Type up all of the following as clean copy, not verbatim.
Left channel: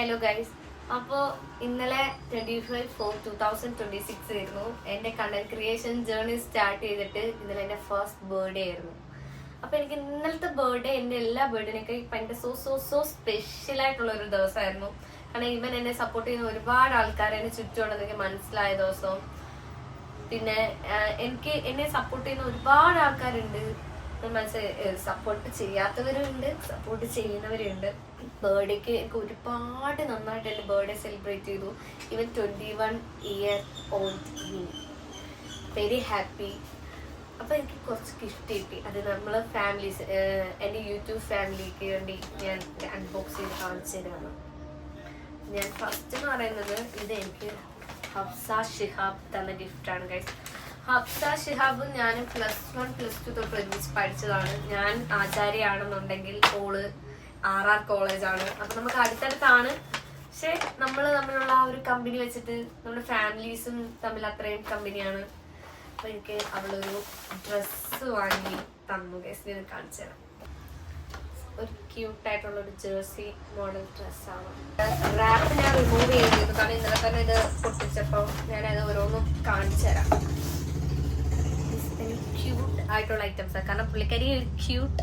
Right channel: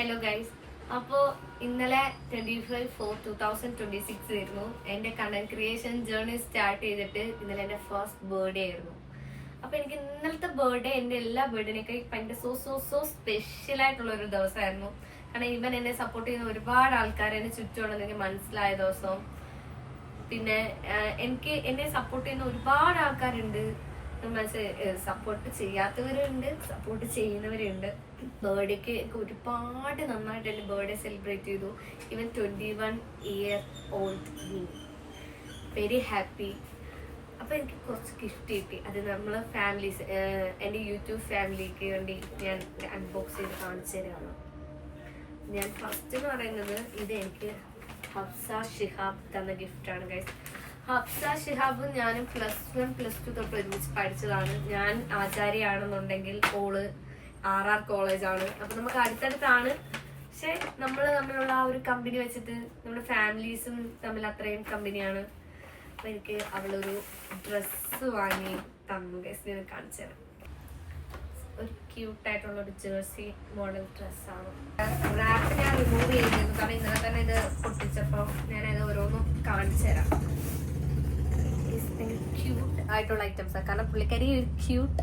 Hello guys. അപ്പോൾ ഇന്നലെ 25/4/2026 ആയിരുന്നു എൻ്റെ കണ്ടന്റ് ക്രിയേഷൻ ജേർണി സ്റ്റാർട്ട് ചെയ്തിട്ട്. ഇന്നലെ എൻ്റെ ഫസ്റ്റ് ബർത്ത്ഡേ ആയിരുന്നു. അപ്പോൾ എനിക്ക് ഇന്നലത്തെ ബർത്ത്ഡേ എൻ്റെ എല്ലാ ബർത്ത്ഡേനൊക്കെ ഭയങ്കര സോ സ്പെഷ്യൽ ആയിട്ടുള്ള ഒരു ദിവസമായിരുന്നു. കാരണം ഈവൻ എന്നെ സപ്പോർട്ട് ചെയ്യുന്ന ഒരുപാട് ആൾക്കാർ എന്നെ ചുറ്റുമുണ്ടെന്ന് എനിക്ക് മനസ്സിലായ ദിവസം. പിന്നെ എനിക്ക് എന്നെ സപ്പോർട്ട് ചെയ്യുന്ന ഒരുപാട് ആൾക്കാരുണ്ട്. സപ്പോർട്ട് ചെയ്യാത്തവരുണ്ട്, സപ്പോർട്ട് ചെയ്യുന്നവരുണ്ട്. ബർത്ത്ഡേക്ക് എനിക്ക് ഒരുപാട് നന്നായിട്ട് എൻ്റെ ബർത്ത്ഡേ സെലിബ്രേറ്റ് ചെയ്തു. Even 21 year old very happy. അപ്പോൾ എനിക്ക് കുറച്ച് ഗിഫ്റ്റ് കിട്ടി. അത് നമ്മൾ ഫാമിലീസ്, എൻ്റെ യൂട്യൂബ് ഫാമിലിക്ക് വേണ്ടി ഞാൻ അൺബോക്സ് ചെയ്ത് കാണിച്ചു തരാണ്. ഞാൻ ഫസ്റ്റ് എന്ന് പറയുന്നത് ഇത് എനിക്ക് ഹഫ്സ ഷിഹാബ് തന്ന ഗിഫ്റ്റാണ് ഗൈസ്. ഹഫ്സ ഷിഹാബ് ഞാനും +1 +2 തൊട്ട് ഒരുമിച്ച് പഠിച്ചതാണ്. ഞാൻ ആചാര്യാണെന്നുണ്ടെങ്കിൽ ഓള് RR കോളേജാണ്. അപ്പം നമുക്ക് അടുത്തടുത്താണ്. പക്ഷെ നമ്മൾ തമ്മിലുള്ള ആ ഒരു കമ്പനി വെച്ചിട്ട് നമ്മുടെ ഫാമിലീസും തമ്മിൽ അത്രയും കമ്പനിയാണ്. അപ്പം എനിക്ക് അവളൊരു ഡ്രസ്സ് വാങ്ങി തന്നു ഗൈസ്. ഞാൻ കാണിച്ചു തരാം. ഒരു ക്യൂട്ടായിട്ടുള്ള ഒരു ജേഴ്സി മോഡൽ ഡ്രസ്സാണ്. റാപ്പ് ഞാൻ റിമൂവ് ചെയ്തിരുന്നു, കാരണം ഇന്നലെ തന്നെ ഇത് പൊട്ടിച്ചപ്പോൾ ഞാനത് ഓരോന്നും കാണിച്ചു തരാം. ക്യൂട്ട് ആയിട്ടുള്ള ഐറ്റംസാണ്. കാരണം പുള്ളിക്കാരി ക്യൂട്ട്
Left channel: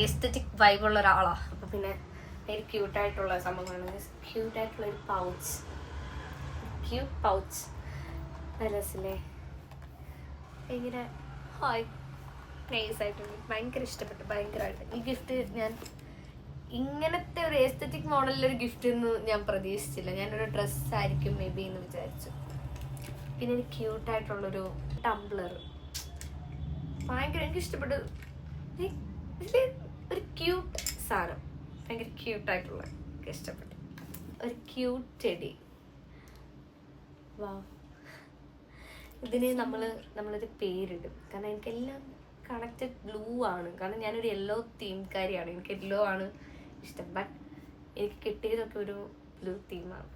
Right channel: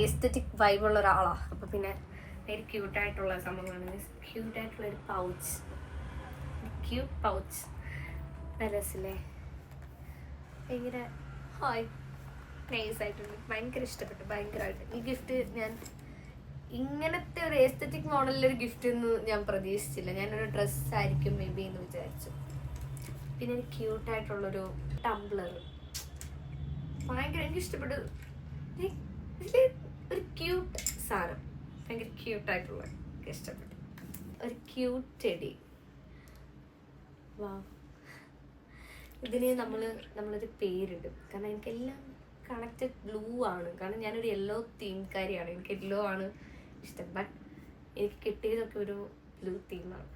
എസ്തെറ്റിക് വൈബുള്ള ഒരാളാണ്. അപ്പം പിന്നെ ഒരു ക്യൂട്ടായിട്ടുള്ള സംഭവമാണ്. ക്യൂട്ടായിട്ടുള്ള ഒരു പൗച്ച്, ക്യൂട്ട് പൗച്ച്. നല്ല രസമില്ലേ? ഭയങ്കര ഹായ് നൈസായിട്ടുണ്ട്. ഭയങ്കര ഇഷ്ടപ്പെട്ടു, ഭയങ്കരമായിട്ട്. ഈ ഗിഫ്റ്റ് ഞാൻ ഇങ്ങനത്തെ ഒരു എസ്തെറ്റിക് മോഡലിലൊരു ഗിഫ്റ്റ് എന്ന് ഞാൻ പ്രതീക്ഷിച്ചില്ല. ഞാനൊരു ഡ്രസ്സായിരിക്കും മേ ബി എന്ന് വിചാരിച്ചു. പിന്നെ ഒരു ക്യൂട്ടായിട്ടുള്ളൊരു ടംബ്ലർ, ഭയങ്കര എനിക്ക് ഇഷ്ടപ്പെട്ടു. ഒരു ക്യൂട്ട് സാധനം, ഭയങ്കര ക്യൂട്ടായിട്ടുള്ള ഇഷ്ടപ്പെട്ടു. ഒരു ക്യൂട്ട് ചെടി. വാ, ഇതിന് നമ്മളൊരു പേരിടും. കാരണം എനിക്കെല്ലാം കണക്റ്റഡ് ബ്ലൂ ആണ്. കാരണം ഞാനൊരു യെല്ലോ തീംകാരിയാണ്. എനിക്ക് യെല്ലോ ആണ് ഇഷ്ടം. ബട്ട് എനിക്ക് കിട്ടിയതൊക്കെ ഒരു ബ്ലൂ തീമാണ്.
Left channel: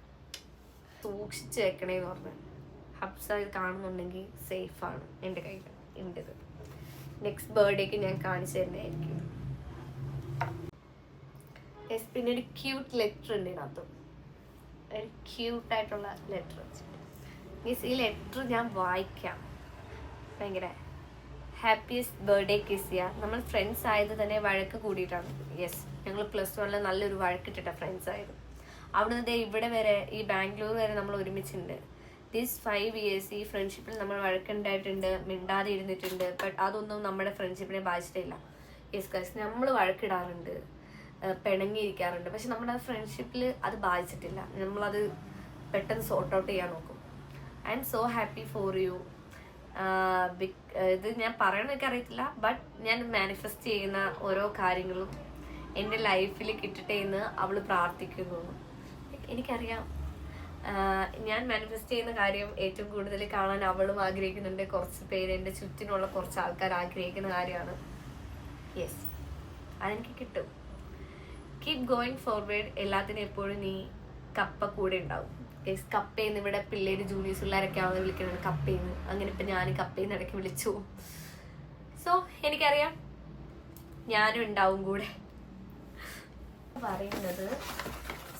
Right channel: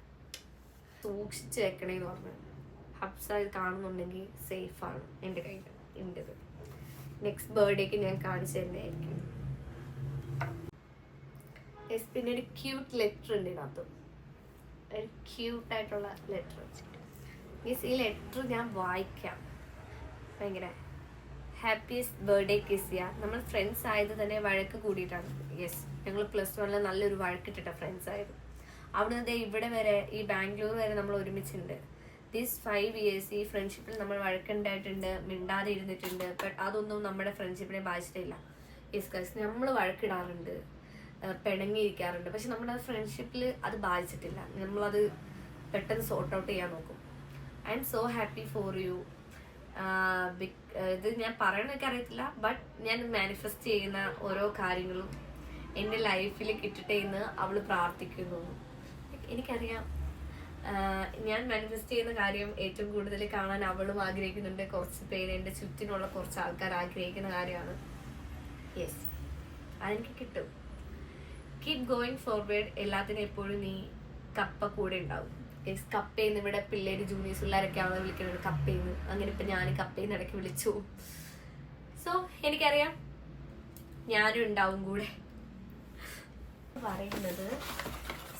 സൂക്ഷിച്ച് വെക്കണേന്ന് പറഞ്ഞു. ഹബ്സ ഇത് കാണുന്നുണ്ടെങ്കിൽ സേഫാണ് എൻ്റെ കയ്യിൽ ഉണ്ടത്. നെക്സ്റ്റ് ബർത്ത്ഡേക്ക് ഞാൻ കാണിച്ചു തരുന്നതായിരിക്കും. പിന്നെ ഒരു ക്യൂട്ട് ലെറ്റർ ഉണ്ട് ഇതിനകത്തും. ഒരു ക്യൂട്ടായിട്ടുള്ള ലെറ്റർ വെച്ചിട്ട് മീൻസ് ഈ ലെറ്റർ ഞാൻ വായിക്കാം. ഭയങ്കര ഹാപ്പിയസ്റ്റ് ബർത്ത്ഡേ കിസിയ. നമ്മൾ ഫ്രണ്ട്സ് ആയത് തന്നെ വഴക്ക് കൂടിയിട്ടാണ്. യെസ്, ഞങ്ങൾ +1 നല്ലൊരു വഴക്കിട്ടിട്ട ഫ്രണ്ട്സ് ആയത്. അവിടുന്ന് ഇവിടെ വരെ, ഈ ബാംഗ്ലൂർ വരെ നമ്മൾ ഒരുമിച്ചുണ്ട്. ദീസ് 5 years ഈ ഫ്രണ്ട്ഷിപ്പിൽ നമ്മൾ വഴക്കുണ്ടായിട്ടുണ്ട്, മിണ്ടാതെ ഇരുന്നിട്ടുണ്ട്. ബട്ട് അതൊന്നും നമ്മുടെ ഫ്രണ്ട്ഷിപ്പിനെ ബാധിച്ചിട്ടില്ല. യെസ് ഗൈസ്, നമ്മൾ വഴക്കിടാറുണ്ട്, പിണങ്ങിയിരിക്കാറുണ്ട്. പക്ഷെ നമ്മുടെ ഫ്രണ്ട്ഷിപ്പിൽ അത് ബാധിച്ചിട്ടില്ല. നമ്മളത് പെട്ടെന്ന് സോർട്ട് ഔട്ട് ചെയ്യാൻ നോക്കും. I M so happy for you. ഇത് ഞാൻ പറയണമെന്നൊക്കെ അറിയത്തില്ല. ബട്ട് ഞാൻ മാനിഫെസ്റ്റ് ചെയ്യുന്ന ഓരോ കാര്യങ്ങളും എൻ്റെ ലൈഫിൽ കിട്ടട്ടെ എന്ന് അവൾ പ്രാർത്ഥിക്കുന്നു. എനിക്കറിയാം ഞാൻ മാനിഫെസ്റ്റ് ചെയ്യുന്ന കാര്യം ഏറ്റവും കൂടുതൽ കാണാൻ അവളും ആഗ്രഹിക്കുന്നുണ്ട്. കുറച്ച് പേര്, എൻ്റെ ചുറ്റിനുള്ള കുറച്ച് ആൾക്കാർ ആഗ്രഹിക്കുന്ന കാര്യമാണ്. യെസ്, അതെനിക്ക് കിട്ടും. Keep going forward. എല്ലാത്തിനും എപ്പോഴും നീ കപ്പ കൂടെ ഉണ്ടാവും. യെസ്, കപ്പയെന്ന് ഇവിടെ പിള്ളേര് ജൂനിയേഴ്സ് പിള്ളേരൊക്കെയാണ് വിളിക്കുന്നത് കപ്പയെന്ന്. അങ്ങനെ ഇപ്പം ഞാൻ കപ്പയെന്ന് ഇടയ്ക്ക് വിളിച്ചു. സോ എനിക്കറിയാം ഞാനും ഉണ്ടാവും കൂടെ. പറയുന്നത്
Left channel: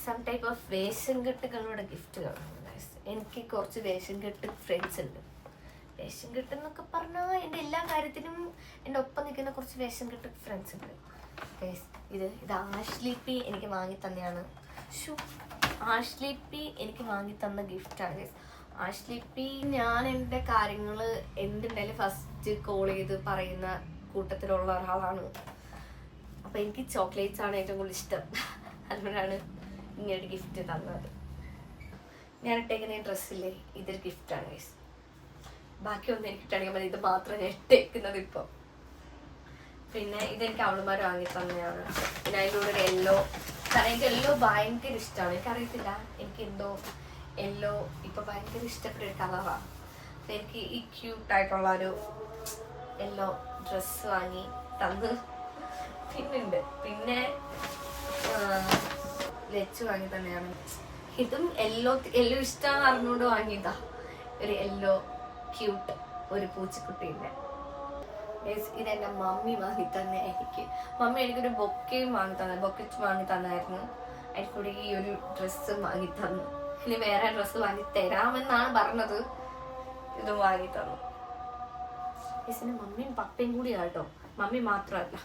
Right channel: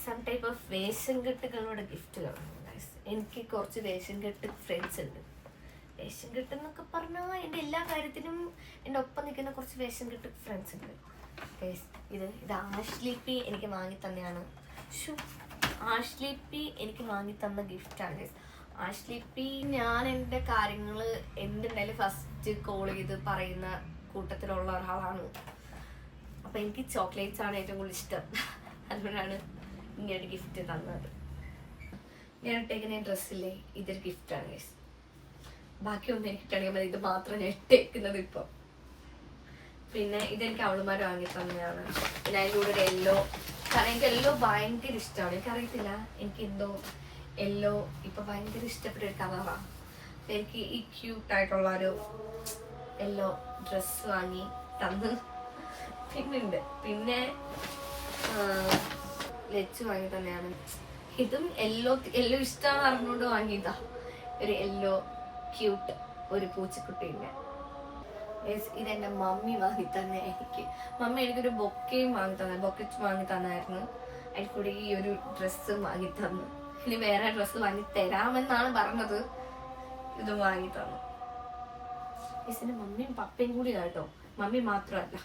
സം ടൈപ്പ് ഓഫ് വേഷം കെട്ടുകളുടെ ഗിഫ്റ്റുകളാണ്. എനിക്ക് കുറച്ച് വേഷം കെട്ട് ഫ്രണ്ട്സ് ഉണ്ട്. വേഷം കെട്ടെന്നൊക്കെ പറഞ്ഞാൽ എൻ്റെ എല്ലാ കാര്യത്തിനും എൻ്റെ ഒപ്പം നിൽക്കുന്ന കുറച്ച് വേഷം കെട്ട് ഫ്രണ്ട്സ് ഉണ്ട്. ഇത് ആഷ്ലി പി എനിക്ക് വാങ്ങി തന്നെയാണ്. ആഷ്ലി പി എനിക്ക് വാങ്ങി തന്ന ഗിഫ്റ്റാണ്. ആഷ്ലി പി ഞാൻ എൻ്റെ കാര്യങ്ങൾ എന്തുണ്ടായാലും ഫസ്റ്റ് കോൾ ചെയ്ത് പറയുന്ന കൂട്ടത്തിലുള്ള ഒരാളാണ്. അപ്പം എനിക്ക് ചോക്ലേറ്റ്സ് ആണ് ഏറ്റവും കൂടുതൽ ഇഷ്ടം. അതുകൊണ്ടാണ് ഇങ്ങനൊരു ഗിഫ്റ്റ് തന്നത്. ഞാൻ ഇട്ടേക്കുന്ന ഡ്രസ്സില്ലേ, ഇതൊരു ഗിഫ്റ്റാണ് ഗൈസ്. ബാക്കിയൊന്നും എനിക്ക് ഇട്ടാണെങ്കിൽ മതി, ഇത് മാത്രം ഞാൻ ഇട്ടേക്കുന്നത് ഇപ്പം. പിന്നെ ഇതെനിക്ക് അവളുമാർ വാങ്ങി തന്നെയാണ്. പിന്നെ അതിൻ്റെ കൂടെ ഒരു യെല്ലോ, കാരണം എനിക്ക് യെല്ലോ ഭയങ്കര ഇഷ്ടമാണ്. എനിക്കറിയത്തില്ല, എനിക്ക് എന്തോ യെല്ലോ ഇപ്പം ഭയങ്കര ഇഷ്ടപ്പെട്ട ഒരു കളറാണ്. എനിക്ക് ഈ ക്യൂട്ടായിട്ടുള്ള ഒരു യെല്ലോ ഡ്രസ്സ് വാങ്ങി തന്ന്. പിന്നെ ലച്ച് വാങ്ങി തന്നെയാണ്. ഇതും യെല്ലോ ഇഷ്ടമാണെന്ന് അറിഞ്ഞുകൊണ്ട് വാങ്ങിയതാ. ഒരു യെല്ലോ ക്യൂട്ട് ഒരു പൂച്ചക്കുട്ടീൻ്റെ. ഇതെന്റെ മമ്മി വാങ്ങി തന്നെ എനിക്ക്. മമ്മി എനിക്കൊരു ബൊക്കയും വാങ്ങി തന്നെ, ബൊക്കെ വാങ്ങി തന്നായിരുന്നു. അതിൽ കൂടെ ഈ ഒരു ഡ്രസ്സ് വാങ്ങി തന്നു. ഇനി വേറെ ഡ്രസ്സ് വാങ്ങി തരാമെന്നാണ് പറഞ്ഞത്. ഇത് വാങ്ങി തന്നു. ഇതിന് മമ്മിയും പപ്പയും കൂടി കേട്ടോ, മമ്മി മാത്രമല്ല,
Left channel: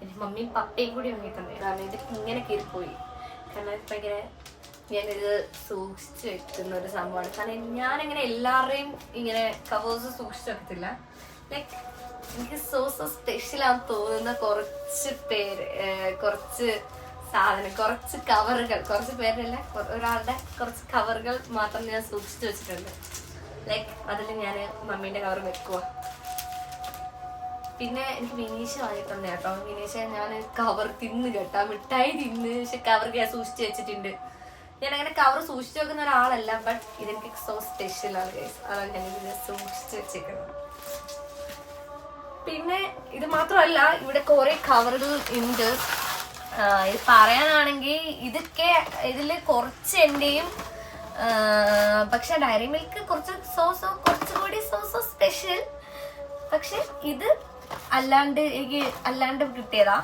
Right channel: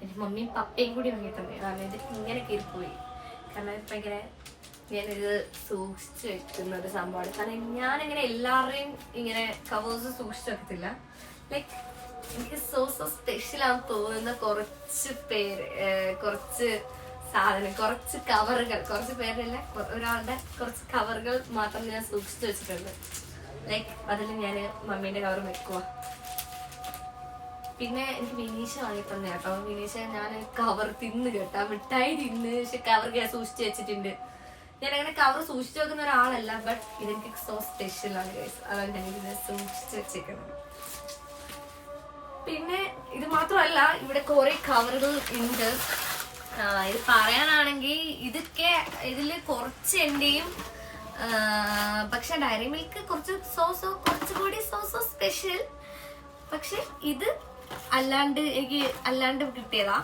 എൻ്റെ മമ്മിയും പപ്പയും കൂടി വാങ്ങി തന്നെ. കാരണം ഇത് ഇങ്ങനെ കയറിപ്പോയി. കാരണം ഇപ്പം ഇങ്ങനെ ഞാനിത് സൂക്ഷിച്ച് വെക്കുന്ന ഒരു സംഭവമാണ്. കാരണം ഞാനങ്ങനെ എല്ലാവരുടെയും ഇങ്ങനെ കവേഴ്സ് സൂക്ഷിച്ച് വെക്കത്തില്ല. ലൈക്ക് എനിക്ക് സോ സ്പെഷ്യലാന്ന് തോന്നുന്ന കുറച്ച് സാധനം, കുറച്ച് കവറുകൾ, കുറച്ച് പേരല്ല, ഒരാളുടെ കുറച്ച് കവറുകൾ മാത്രം ഞാൻ സൂക്ഷിച്ചു വെച്ചിട്ടുണ്ട്. ലൈക്ക് അതിൽ ഞാൻ മമ്മീന്റെ കവർ വെക്കുക. പിന്നെ എനിക്ക് വിനീഷ വാങ്ങി തന്നെ കേട്ടോ. വിനീഷ ഞാൻ കവർ തിന്ന് കേട്ടാ, മിഠായി തിന്ന്, പക്ഷെ കവർ ഞാൻ സൂക്ഷിച്ചു വെച്ചിട്ടുണ്ട്. ഞാൻ അങ്ങനെ കവർ സൂക്ഷിച്ചു വെക്കുന്ന ഒരാളല്ല, ബട്ട് ഇതെനിക്ക് സോ സ്പെഷ്യലാണ് ഗൈസ്. അതാണ് ഞാൻ ഇതിനെ സൂക്ഷിച്ചു വെച്ചേക്കുന്നത്. പിന്നെ ഇത് മാത്രമല്ല, ഇവിടെ കുറെ കവറുകൾ ഉണ്ട്. ഇത് പറയാനാണെങ്കിൽ ഇതൊക്കെ ഇതില് കുറച്ച് എന്റെയും, പക്ഷെ ഡയറി മിൽക്ക് കുറച്ച് കുറച്ചുകൂടി സ്പെഷ്യൽ. പക്ഷെ ഇത് അല്ലാണ്ട് കിട്ടിയതാ,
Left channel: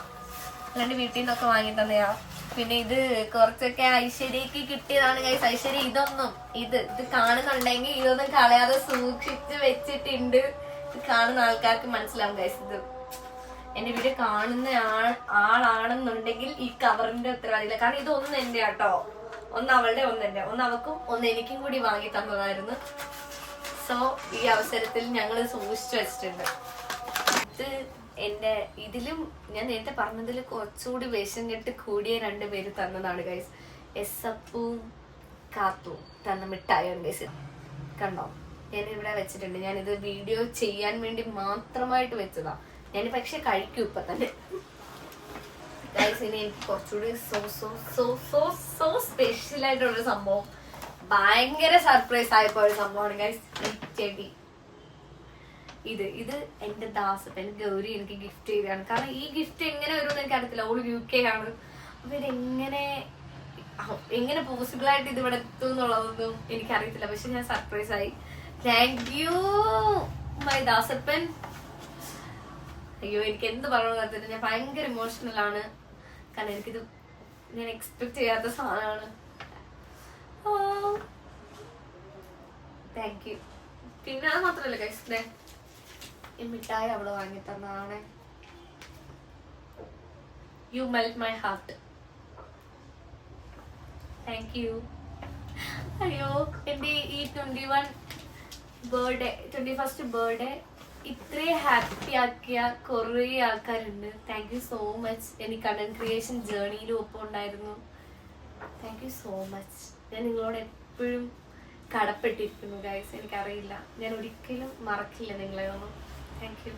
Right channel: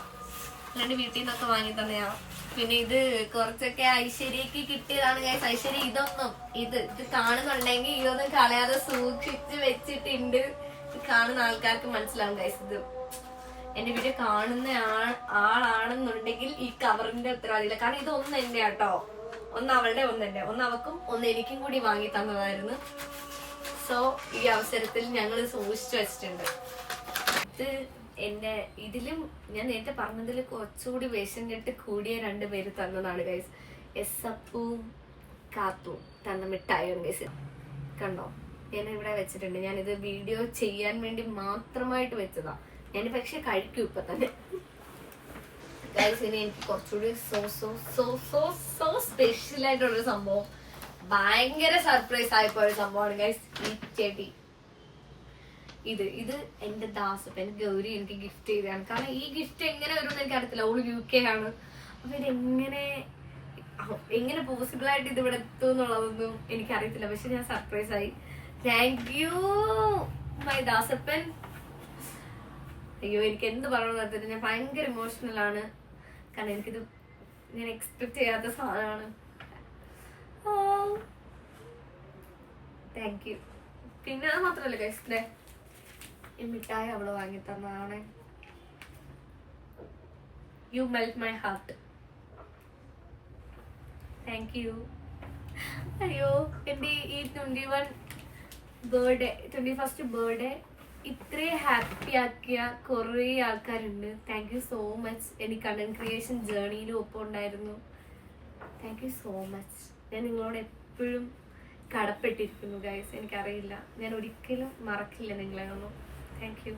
അല്ലാണ്ട് വീട്ടിൽ നിന്നൊക്കെ വാങ്ങി തന്നെയാ. പിന്നെ ഇത് കുറച്ചൊക്കെ ഐശ്വര്യക്ക് കിട്ടിയതാണ് ഗൈസ്. ഐശ്വര്യ ഇത് കാണുന്നുണ്ടെങ്കിൽ ഇതൊന്നും കളയാതെ സൂക്ഷിച്ച് വെച്ചിട്ടുണ്ട്. കാണുന്ന ആൾക്കാർക്ക് മനസ്സിലാവും ഗൈസ്, ഇത് എന്റെ വീഡിയോ കാണുന്ന ആളാണെന്നുണ്ടെങ്കിൽ ഈ കവറിന്റെ ഉത്തരവാദിയില്ല. കാരണം ഇതൊന്നും എന്റെ കേട്ടോ, ഒന്ന് അവളുടെ, ഒന്ന് എന്റെ, ഒന്ന് അവക്കും ഒന്ന് എനിക്കും കൂടി വാങ്ങി തന്നതായിരുന്നു. സോ ഈ അവസരത്തിൽ ഞങ്ങൾ സൂക്ഷിച്ചു വെച്ചിട്ടുണ്ട്. ഇത് ഇതിലും ഞാൻ നേരത്തെ പറഞ്ഞതിൽ കുറച്ചുകൂടി വേഷം കെട്ട് കൂടിയ 2 പേര് തന്നതാണ് ഗൈസ്. എസ്സപ്പും കാത്തും തന്ന മിഠായിയാണ് ഗൈസ്. കണ്ടോ, ഞാൻ ഇവിടെ വെച്ചിട്ടുണ്ട്. ഞാനിത് വീഡിയോ ചെയ്യാൻ വേണ്ടി മാത്രമായിട്ട് വെച്ചതാ. ഞാൻ പക്ഷെ കഴിക്കും ഇപ്പൊ തന്നെ ഗൈസ്. ഇനി എനിക്ക് കുറച്ചുകൂടി സോ സ്പെഷ്യൽ ആയിട്ടുള്ളൊരു സംഭവം, ഭയങ്കര സർപ്രൈസ് ആയിപ്പോയ സംഭവമാണ് ഗൈസ്. ഈ ചെടി ഇത് എന്റെ ദാസപ്പൻ ഗൗരി എനിക്ക് ഗിഫ്റ്റ് ചെയ്തതാണ്. കാരണം ഈ ഗിഫ്റ്റ് എങ്ങനെ വരുമെന്ന് എനിക്ക് അറിയത്തില്ല. ഓള് UK ആണ്. അപ്പൊ എങ്ങനെ പോസിബിൾ ആയിട്ട് ഇത് ഇവിടെ എത്തും എന്നുള്ളതൊന്നും എനിക്കറിയത്തില്ല. പക്ഷെ ഞാൻ സർപ്രൈസ് ആയി. Thank you my Dasappan. അയ്യോ, എനിക്ക് എന്ത് പറയണമെന്ന് ഞാൻ ഭയങ്കര ഇമോഷണൽ ആണ്. കാരണം എനിക്കിത് ഞാൻ എക്സ്പെക്ട് ചെയ്യാത്ത സാധനമാണ്. Thank you. പിന്നെ അത് മാത്രമല്ല ഗൈസ്, ഈ മിഠായി അവള് വാങ്ങി തന്നതാണ്. You melt my heart. Thank you. അയ്യോ, എന്റെ ഈ 21st ബർത്ത്ഡേ ഇത്രയും ഹാപ്പി ആക്കിയ കുറേ ആൾക്കാരുണ്ട്. Thank you so much. എനിക്ക് കണ്ടന്റ് ക്രിയേഷൻ ജേർണിയിലും ഒപ്പം ഉണ്ടായിരുന്നു. Thank you so much. ഞാൻ നിങ്ങളോട് എപ്പോഴും കടപ്പെട്ടിരിക്കുന്നു ഗൈസ്. എനിക്കറിയില്ല, ഞാൻ ഒരിക്കലും മറക്കില്ല നിങ്ങളെ ഒന്നും. Thank you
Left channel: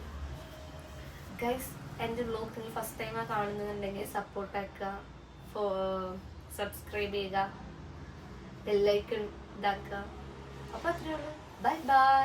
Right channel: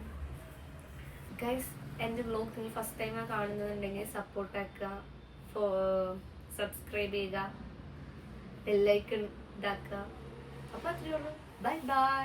guys. എൻ്റെ വ്ലോഗ് നിങ്ങൾ ഫസ്റ്റ് ടൈമാണ് കാണുന്നുണ്ടെങ്കിൽ സപ്പോർട്ട് ആക്കുക, സബ്സ്ക്രൈബ് ചെയ്യുക, ബെല്ലൈക്കൺ ഇതാക്കുക. അപ്പോൾ അത്രയേ ഉള്ളൂ. Bye bye.